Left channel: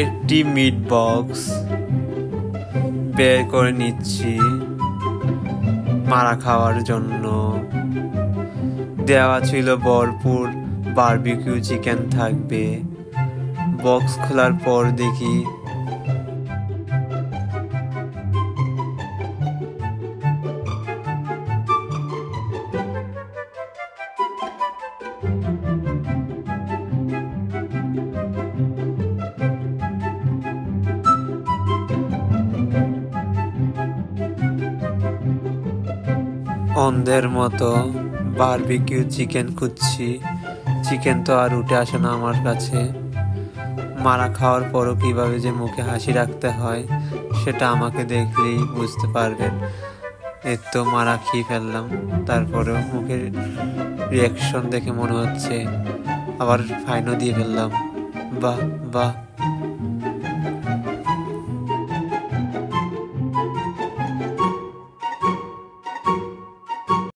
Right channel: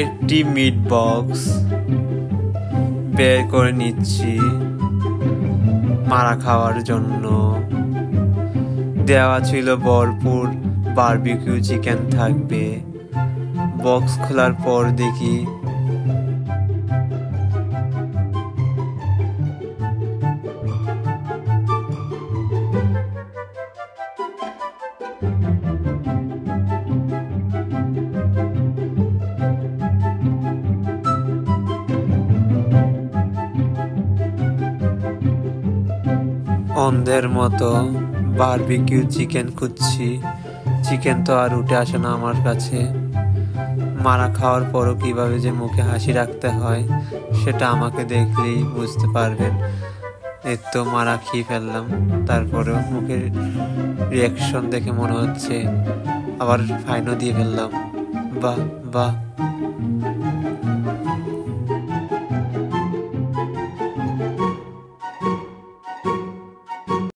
একটি meat box বের করে নিচ্ছি মারা খাওয়ার জন্য। দেওয়া ছিল ভরপুর বারবিকিউ চিকেন থাকবে। বক্স খোলার পর দেখি অন্ধের মতো বারবিকিউ চিকেন খুঁজছি। চিকেন তো আর উঠে আসে না আমার কাছে। মারা খাওয়ার পরও কিভাবে যে মুখে হাসি রাখতে হয় সেটা আমাকে দেখলেই বুঝতে পারবেন। এই তো মারা খেয়ে ফেললাম, তারপরেও মুখের রিয়াকশন দেখে মনে হচ্ছে আবার ফাইনও দিয়ে ফেললাম। বাহ বাহ।